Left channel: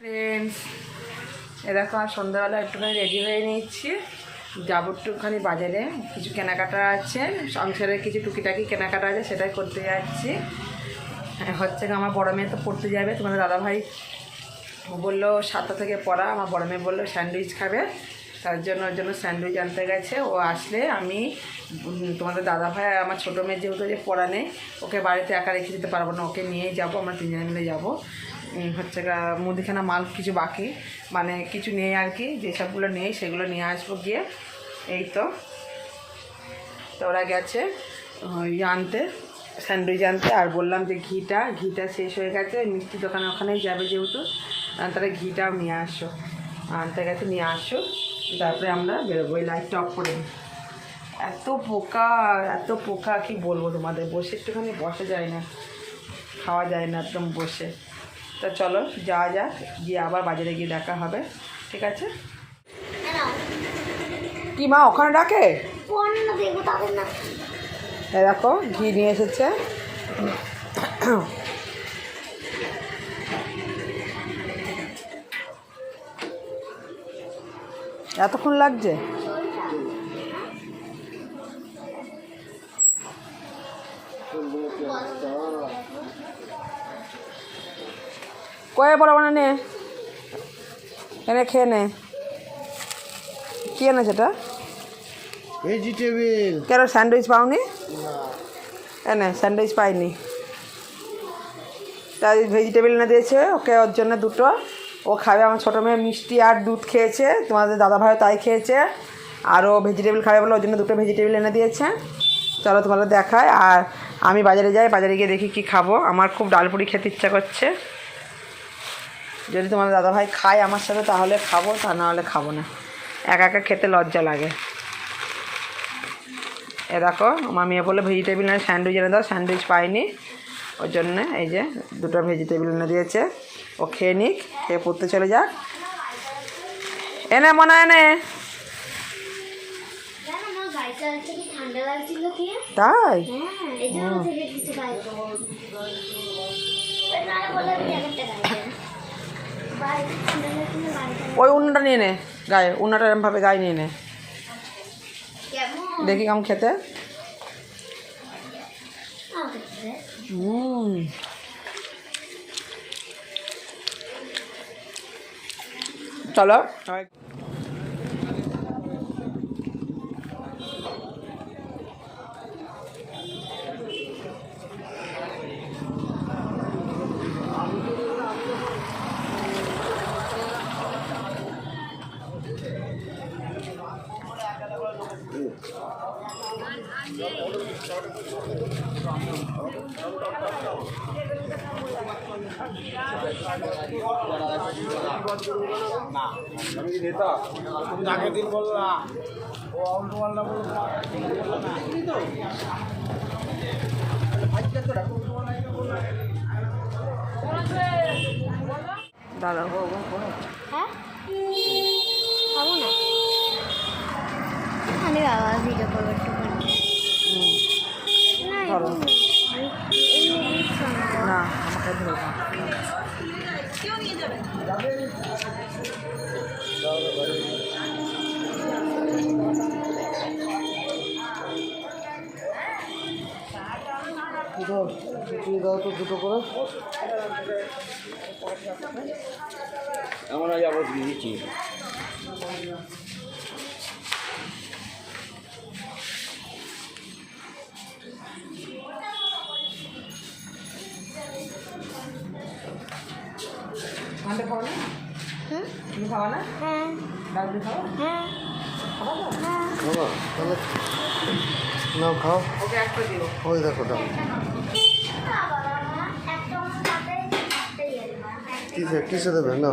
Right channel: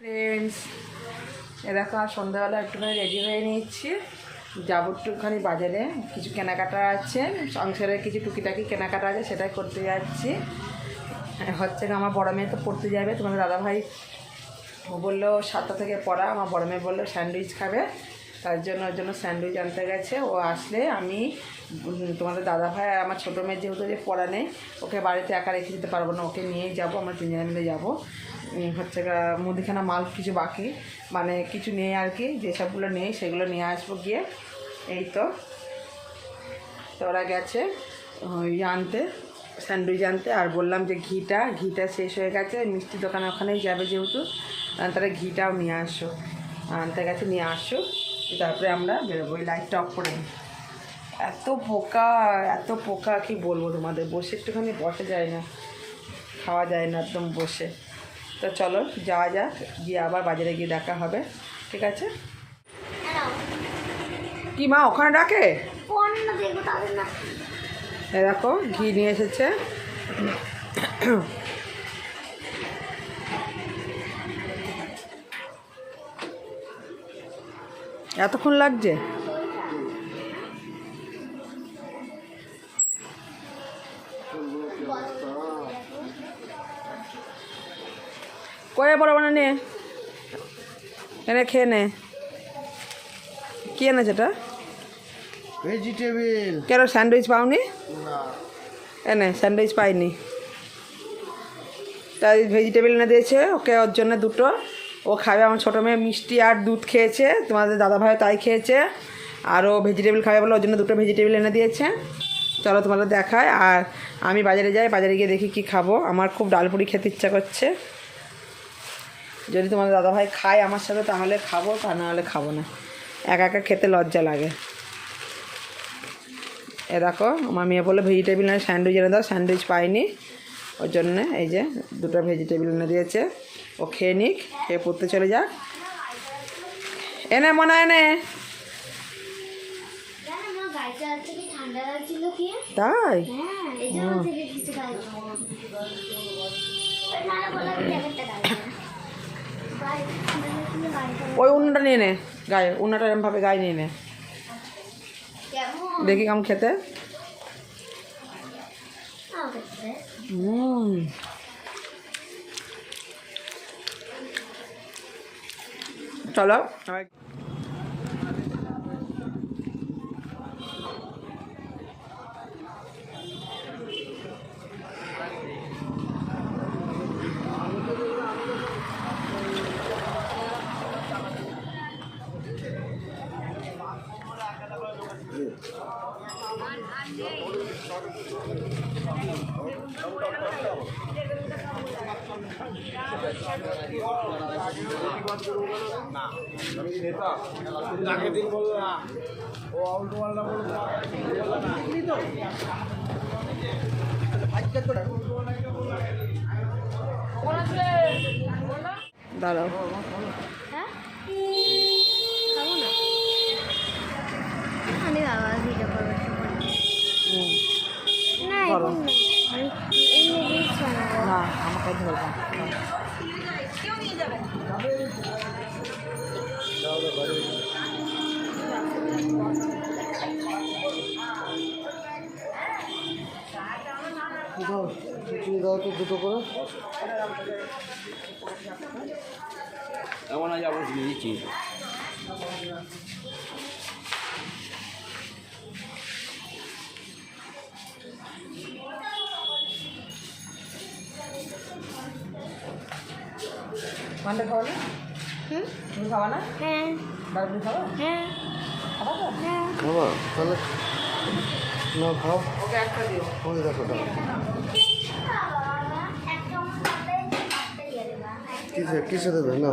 Friends, এরকম সন্ধ্যাবেলা একটুখানি রেডি হয়ে নিচ্ছি, যাবো একটুখানি বাজারে। কিছু কেনাকাটা আছে, সংসারের কিছু টুকিটাকি কেনাকাটা আছে, সেটাই করতে যাচ্ছি। হচ্ছে আমার বড় মেয়ে তো পড়তে যাবে, তোমাদের দাদাভাই বললো 7টা থেকে পড়া। আমার বড় মেয়ে বললো স্যান্ডউইচ খাবে, তার জন্য ওর জন্য স্যান্ডউইচ আনতে গেছে। ও আসলে আমি তোমাদের দাদাভাই আর আমার ছোটো মেয়ের যেহেতু যে পড়া নেই, ওকে বাড়িতে একা রেখে দিতে পারবো না, ওকে নিয়েই যাবো, আমরা তিনজনে মিলে যাবো। হচ্ছে মুদিখানা মাল কিছু বাকি, মানে কিছু নেই আর কি, যেসবগুলো নেই সেগুলো নিয়ে আসবো গিয়ে। এই তো ওরা গেছে আনতে, স্যান্ডউইচ আনতে। আর বললাম যে ঘিটা শেষ হয়ে গেছে, মিষ্টি দোকানে ওখানেই যাবে যেহেতু, তাহলে ঘিটাও নিয়ে আসো, আনতে গেছে, নিয়ে আসো, তারপরে আমরা বেরোবো। এই লাইটটা অফ করে দিই। এত পোকা কি বলবো তোমাদের, বসে একটুখানি বসা যায় না, খাওয়া যায় না একদম বসে। তো চলো যাওয়া যাক, গিয়ে আবার বাজারে গিয়ে দেখা হবে, ঠিক আছে? কি মা ওখানে ডাকে? দেখো ঘি নিয়ে এসেছে। এতক্ষণ লাগছে? কয়ে বড় নে, এনে খেয়ে নে। কি এনেছে এটা? ভেজিটেবিল। কেন স্যান্ডউইচ পাওনি? এনে স্যান্ডউইচ পাইনি, তাই ভেজিটেবিল এনে দিয়েছে ওকে, ওর জন্য দুটো। ও খাবে, আমার ছোটো মেয়ে মিষ্টি আর দুধ খেয়েছে, তোমাদের দাদাভাইও তাই খেয়েছে, আরও ভেজিটেবিল খাবে বলে ওর জন্য দুটো ভেজিটেবিল এনে দিয়েছে। চলো তোমাদের দেখায়। আর আমি বাজারে যাই, বাজারে গিয়ে দেখি কি খাবো। আমার খুব ডালপুরি খেতে ইচ্ছা করছে, যদি তোমাদের দাদাভাই খায় আমার সাথে তাহলে খাবো, তা না হলে খাবো না, একা একা খেতে লজ্জা লাগে। এ দেখো আমার মেয়ে বলে ভেজিটেবিল এনে স্যান্ডউইচ এনে দাও, স্যান্ডউইচ পাইনি, ওর জন্যে এই যে দুটো ভেজিটেবিল এনে দিয়েছে। ও খেয়ে নিক, খেয়ে পড়তে চলে যাক। এনে মনে এনে তাই ওই উন্নাটা নিয়ে নে, গায়ে উন্নাটা এরমভাবে গায়ে নিয়ে নে, দেখি কেমন খেতে। চলো দাঁড়াও, হ্যাঁ খাবো না আমি, বাবা ভিডিও করবো ধরো না, আমাকে ধরবো। দাও তো দুটো করে। এমন আগে আবার দিচ্ছি। মানটা খাবো না? তুমি খাবা না? ডালপুরি খাবো? খাবা তো? তাহলে নাও খাও। ওকে একটা দিও। ওই দেখো দাও, কিসে দেবে? না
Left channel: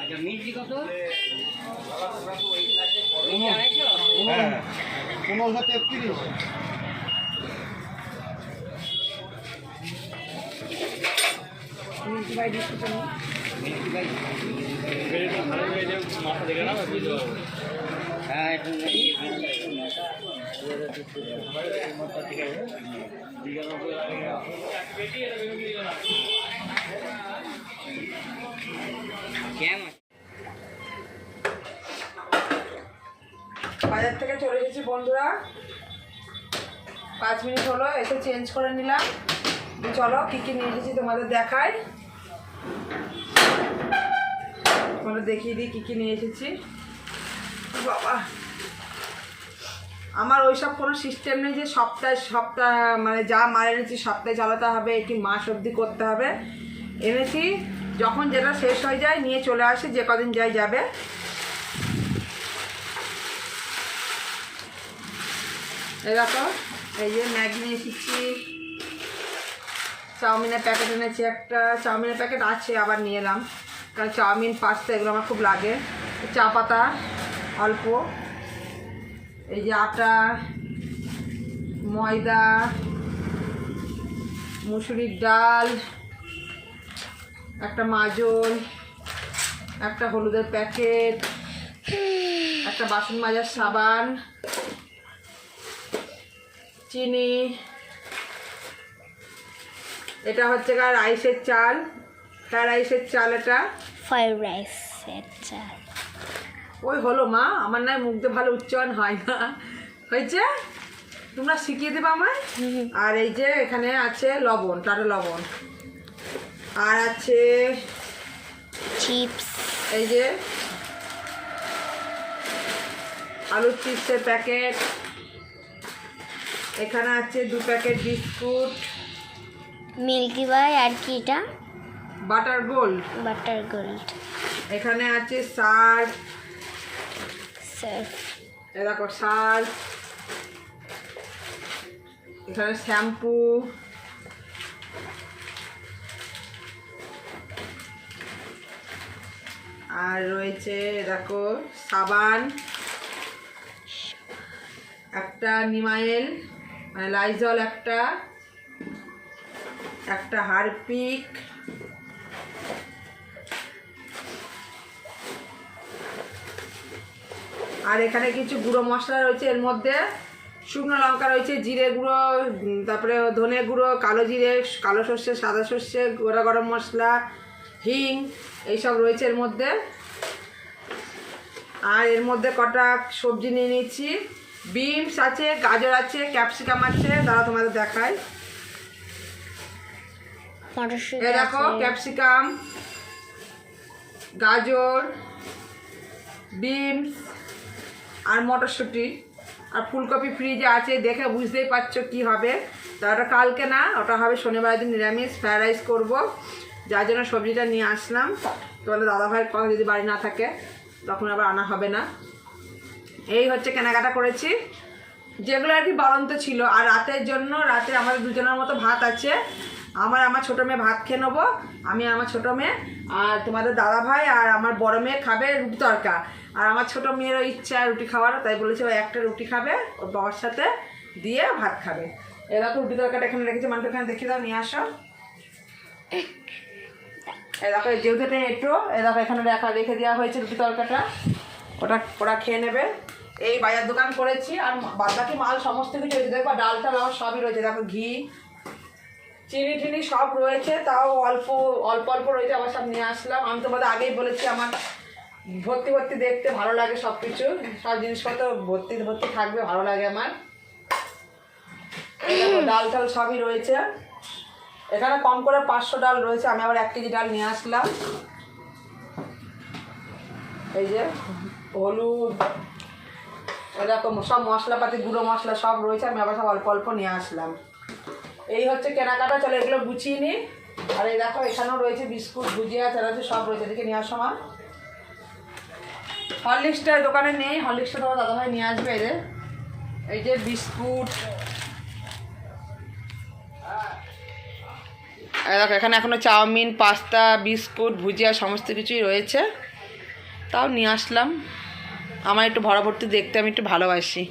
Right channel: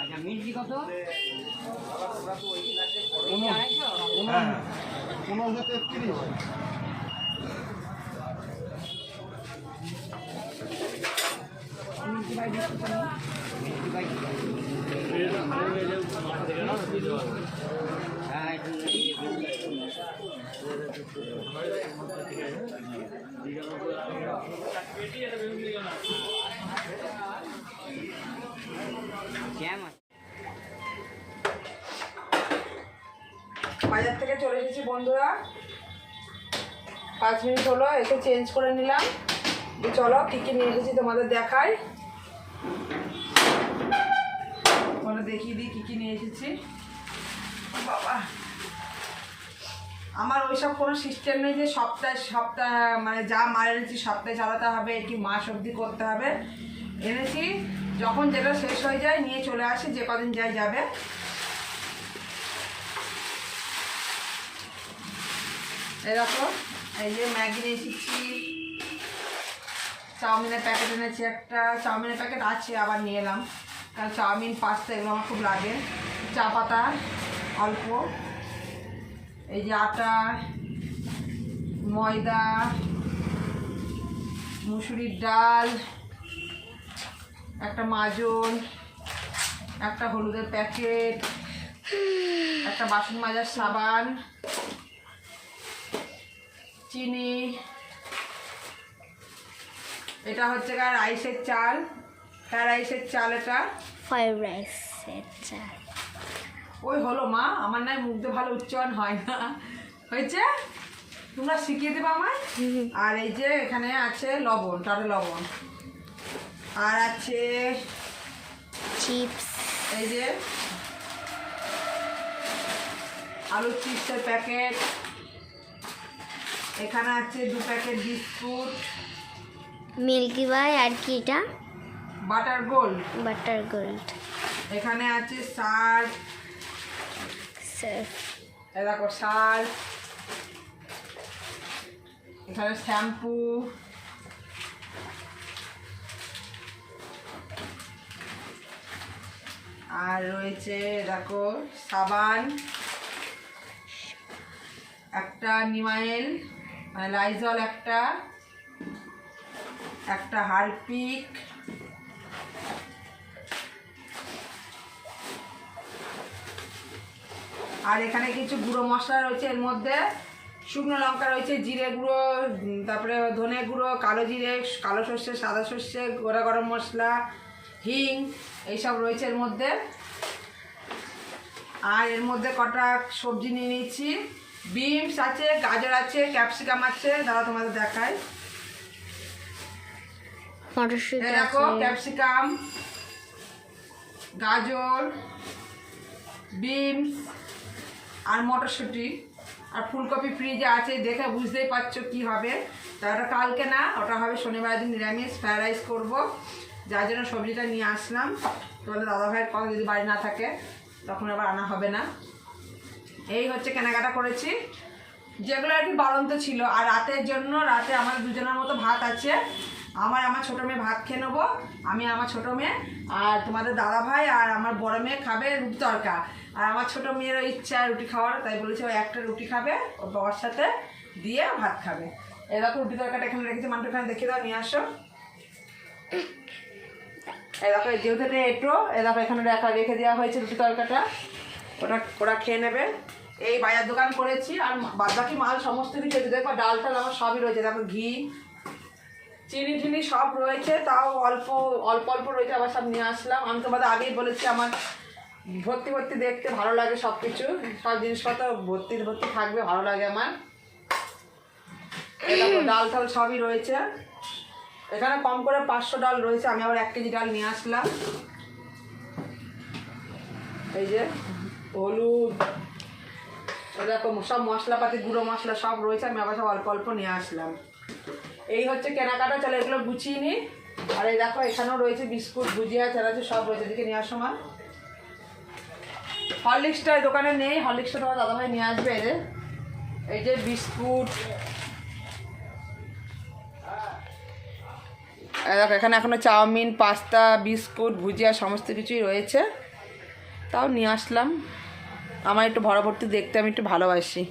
আচ্ছা মিষ্টি কত? 15 33। হ্যাঁ একটু কেমন বাজার থেকে চলে এসেছি বন্ধুরা, 5 মিনিট হলো, এসে চেঞ্জ করে নিলাম। চলো কী কী নিয়ে এসেছি তোমাদের দেখাই, তোমাদের দেখিয়ে দিই কী কী নিয়ে এসেছি। বাবা, আমার ওইসব কোনো সিস্টেম নেই যে সপ্তাহ মানে যা মাল এনেছি সপ্তাহে চালাতে হবে কি মাস অবধি করতে হবে। এনেছি যখন যেটা শেষ হয়ে যায় নিয়ে চলে আসি, যে কদিন যাই যাবে। এরকম এই যে ম্যাগি নিয়ে এসেছি, চাউমিনের প্যাকেট এনেছি একটা, চাউমিনের প্যাকেট আছে আবার নিয়ে এলাম, কারণ চাউমিন পাস্তা এগুলো আমার খুব লাগে। চা পাতা অল্প, এই যে আটা, ময়দা, মুসুরির ডাল, একটা মাজল, একটা হলুদের প্যাকেট, একটা বাসন মাজার সাবান, চিনি, এটা হচ্ছে রাইসের চাল, ফ্রাইড রাইসের চাল, এটা ফ্রাইড রাইস আচ্ছা ওই হলো মা, আমার নয় মুখ দিয়ে ভালো উচ্চারণ হয় না, হয়েছে, তোমরা শিখিয়ে দেবে আমায়। আর এই যে এখানে আছে লবণ, টাটা লবণ, আর আছে চিপস, এই যে আলুর চিপসের প্যাকেট, এখানে আছে 2 প্যাকেট বিস্কুট, মিল্কি বাই আর কি এটা বাটার গোল্ড, বাটার গোল্ড এখানে আছে সার্ফ, সার্ফ, দেখো সার্ফ, এখানে শ্যাম্পু, আর রয়েছে দেখো সাবান, একটা নিমাইল, লাইজল, একটা হারপিক, আর এখানে কিছু গুঁড়ো মশলা রয়েছে, এর মধ্যে শুকনো লঙ্কা রয়েছে, জিরে গুঁড়ো, তারপরে ধনে গুঁড়ো, কালো জিরে, কালো সর্ষে, সাদা সর্ষে, গোটা গরম মশলা, হিং, এইসব রয়েছে এর মধ্যে। আর এর মধ্যে কটা সবজি নিয়ে নিচ্ছি, বিনস আছে, গাজর আছে, ক্যাপসিকাম আছে, তারা তোমাদের দেখায়। মটরশুঁটি দেখো ক্যাপসিকাম, গাজর, বিনস আর মটরশুঁটি, আর ফুলকপি ফ্রিজে আছে, দেখে বুঝতেই পারছো কি হবে। তা ওটা কালকে না, ওটা হবে শনিবার দিন নিরামিষ ফ্রাইড রাইস করবো, যার জন্য সবজিটা নিয়ে আসলাম। তাহলে দাদাভাইয়ের কথা যদি বাড়ি না থাকে তখন আবার আনা হবে না। এই হচ্ছে কেনাকাটা করেছি, যেগুলো আর কি বাড়ন্ত ছিল। আর রাতের জন্য, রাতে আমাদের দুজনের মতো ভাত আছে, আমার ছোটো মেয়ে ভাত খেয়ে নেবো, আমি আমার ছোটো মেয়ে, আর তোমাদের দাদাভাই আর আমার বড় মেয়ে খাবে রুটি তড়কা। আর আমার ছোটো মেয়েরও ইচ্ছা রুটি খাওয়ার, তাই বলেছে ও একটা রুটি খাবে ওর বাবার সাথে দিয়ে ভাত খাবে। এরকম রুটি তড়কাটা এখানে রেখেছি, মানুষ এখানে দেখে দাও, নিয়ে আসো। এরকম যেহেতু এটা এঁটো, এরকম এখানে রেখে দেওয়া হয়েছে রুটি তড়কাটা, ওরা খেয়ে নেবে। এই বাজার দোকান করেছি, আর বাদবাকি মাল সমস্ত কিছু দেখবা, ডাল টাল আমার সবই রয়েছে, দেখো ঘি, চিনি টিনি সব রয়েছে, তাও অল্প অল্প রয়েছে, আবার সব নিয়ে আসলাম। আমি তোমাদের আগেই বলেছি আমার ভর্তি দেখতে ভালো লাগে, সব কিছু সব জিনিসপত্র ভর্তি থাকবে, ভালো লাগে আমার। দেখো ডাল টাল সবই রয়েছে, এখানে কম করে 500 ডাল রয়েছে, আমি আবার 1 কেজি ডাল নিয়ে আসলাম। এই যে হলুদ, এরকম সব মশলাপাতি, গুঁড়ো মশলা সব রয়েছে, আমি আবার সব অল্প নিয়ে আসলাম। এই হচ্ছে কেনাকাটা, চলো এগুলো গুছিয়ে নিই। আর এই দেখো এখানেও রয়েছে বিস্কুট, ভুজিয়া, চালাচ্ছে সব রয়েছে, এদিকে নিয়ে আসো মা। হরলিক্সটা দোকানে নেই, হরলিক্সটা তোমার দাদাভাই নিয়ে আসবে। এই যে বিস্কুট, দেখো এখানে এখনও চাউমিন, পাস্তা, বিস্কুট, ভুজিয়া সমস্ত কিছুই রয়েছে, তাও নিয়ে আসলাম। আমার একটু ভরাভর্তি দেখতে আমি একটু ভালোবাসি।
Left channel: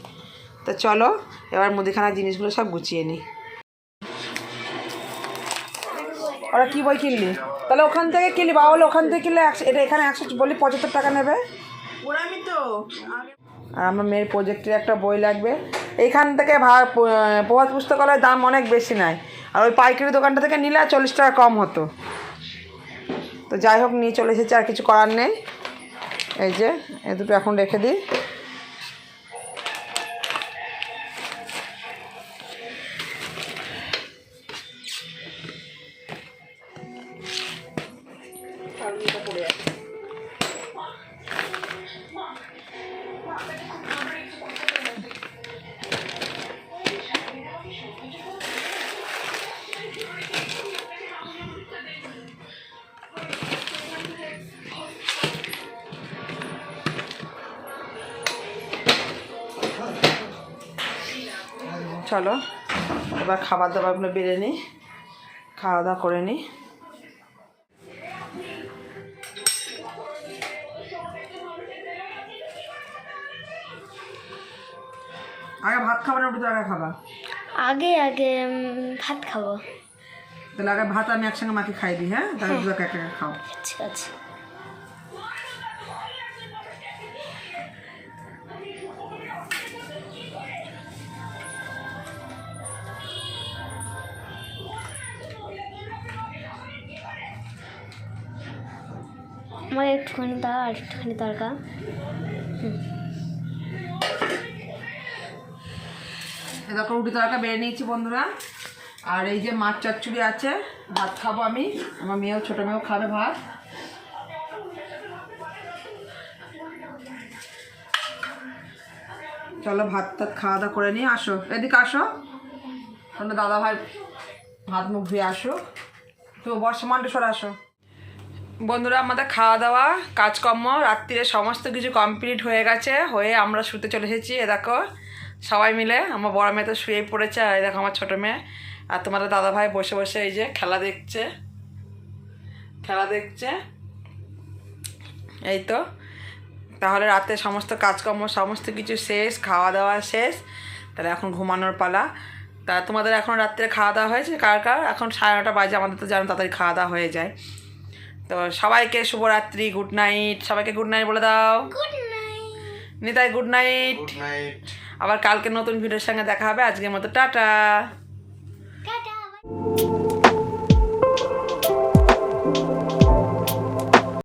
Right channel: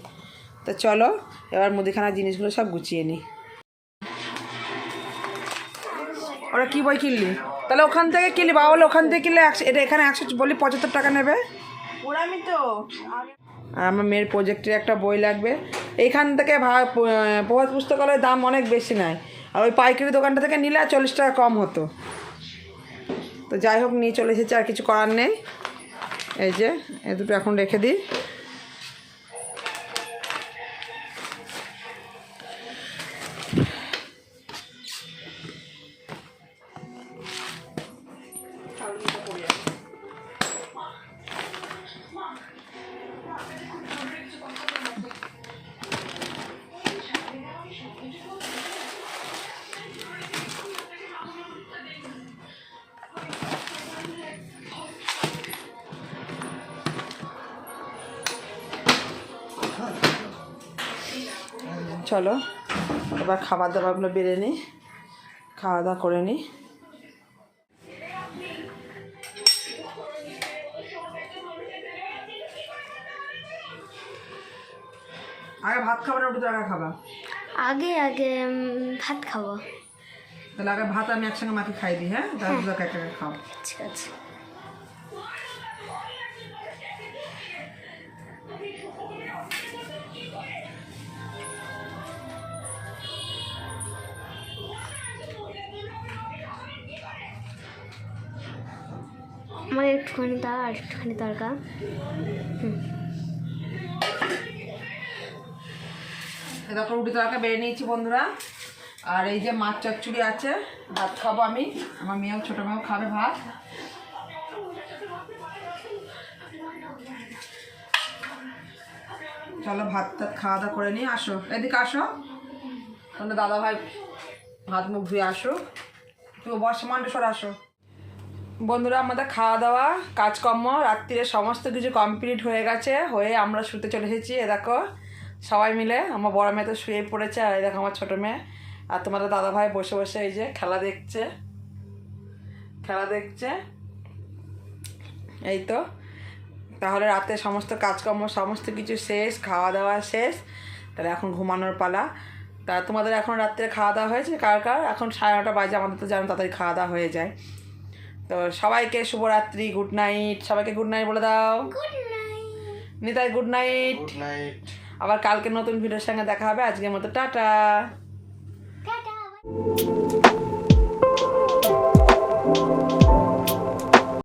তো চলো এবার মুদিখানার জিনিসগুলো সব গুছিয়ে নিই। ওরা কী বই কিনলি? তাহলে ওখান থেকে কিনলে বাবা বলে ওখান থেকে কিনলে এটা এখানে 100 বলি 75 টাকা নেবে। ওরামি তো আগে আর আমার মেয়ের প্রজেক্টের একটা বই লাগবে। এইখান থেকে প্রভাত পুস্তকালয়ের দাম অনেক বেশি নেয়, আর ওই পাইকারি দোকানটা থেকে নিলে 40 টাকা কম হতো। তো যাই হোক নিয়ে চলে এসেছি, আর কিছু করার নেই। এই যে এই দুটো এখন রেখে দিই। চলো এবার খাবার দাবারগুলো বেড়ে নিই, খাওয়া দাওয়া করে নিই। আগে ভাত খাবার না রুটি তরকারি খাবা? আগে আগে ভাত খাবো। তাহলে আগে ভাত আমি একসঙ্গে মাকে খাই দিই, হ্যাঁ? তাহলে দুটো একে একে খাও। ঠিক আছে। আমার একটুখানি দাও আর একটুখানি তরকা। এরকম রুটি তরকা বেড়ে নিয়েছি বন্ধুরা। আর এই যে মাছ চচ্চড়ি আছে, ভাত খাবো আমি, আমার মেয়েও ছোটো মেয়েও খাবে ভাত। চলো ভাত টাত খাওয়া দাওয়া করে নিই। আসো এদিকে আসো, তোমরা দাদা ভাই ভাত মুখ দিয়ে আসো, তুমি বর্ষমানটা সরে আসো। বন্ধুরা আমাদের খাওয়া দাওয়া কাজকর্ম রাত্রিরে সমস্ত কিছু কমপ্লিট হয়ে গেছে, হয়ে আমরা শুতে চলে এসেছি। এ দেখো সবাই মিলে, আমার বড় মেয়ে তো শুয়ে পড়েছে, আর এই দেখো আমার ছোটো মেয়ে আর তোমাদের দাদা ভাই বসে বসে এই যে খেলা দেখছে। এই তো তাহলে রাতে সমস্ত কাজকর্ম সমস্ত কিছু শেষ, খাওয়া দাওয়া শেষ, তাহলে এখন ঘুমানোর পালা। তা তোমাদের এখন রাত্রে খাওয়া দাওয়া হয়েছে কার কার? এখন 9:30 বাজে, আমাদের তো জানো তাড়াতাড়ি খাওয়া দাওয়া হয়ে যায়। তো সবাইকে শুভরাত্রি, গুড নাইট। সবাইকে গুড নাইট বলে দাও। Nitai good night. Good night. আবার কালকে নতুন ভিডিওর সঙ্গে দেখা হবে। আজকের মতো টাটা। টাটা।